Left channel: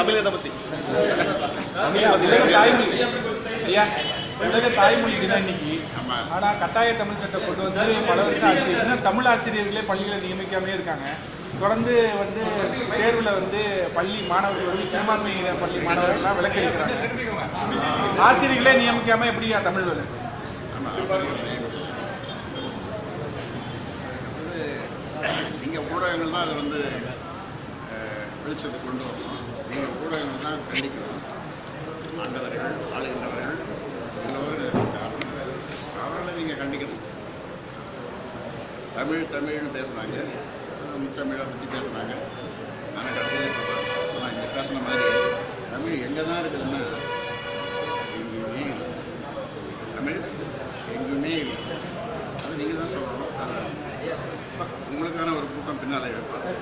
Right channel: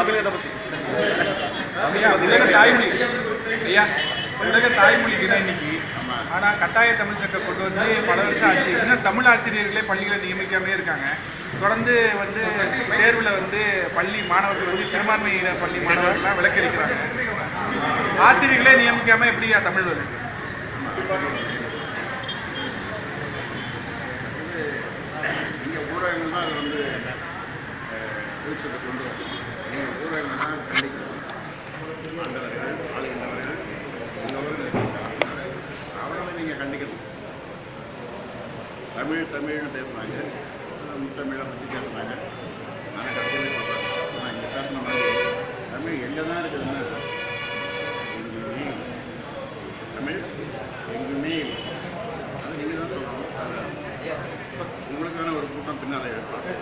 தமிழகத்தை பற்றி தாய்மொழி ஐயா, உலக தாய்மொழி தினம் இன்னைக்கு. ஆனால் கட்டாய தமிழ் சட்டம் கொண்டு வந்து பல வருஷம் ஆச்சு. இன்னும் தமிழ் ஆசிரியர்களே பள்ளிகளை நியமிக்காமே இருக்காங்க. தொடர்ந்து தேர்வில் பள்ளி மாணவர்கள் சிறுபான்மையின பள்ளி மாணவர்கள்லாம் விலக்களிக்கிறாங்க. ஆசிரியர்களே நியமிக்காமல் எப்படியா தமிழ் வரும்? இங்கே ஊடகங்கள் தான் அதை வெளிச்சத்தை கொண்டு வரணும். இங்கே ஊடகங்கள் தான் கண்டிக்கணும். ஆண்டவர்கள், ஆளுகின்றவர்கள் எல்லோரும் அவர்களை நீங்கள் கண்டிக்கணும். தமிழ்னு பேசுகிறாங்க, முத்தமிழை பற்றி பேசுகிறாங்க. ஆனால் கடைசியில் சொல்கிறாங்க, ஆனால் இங்கே பேசுன மாதிரி தமிழ் எங்கே தான் இருக்குதுன்னா எங்குமே இல்லை. தமிழ் எங்குமே இல்லை. அது நீங்கள் தான் சொல்லணும். அதை உங்களுக்கான ஒரு கூட்டம் பின்னால் எடுப்பாச்சு.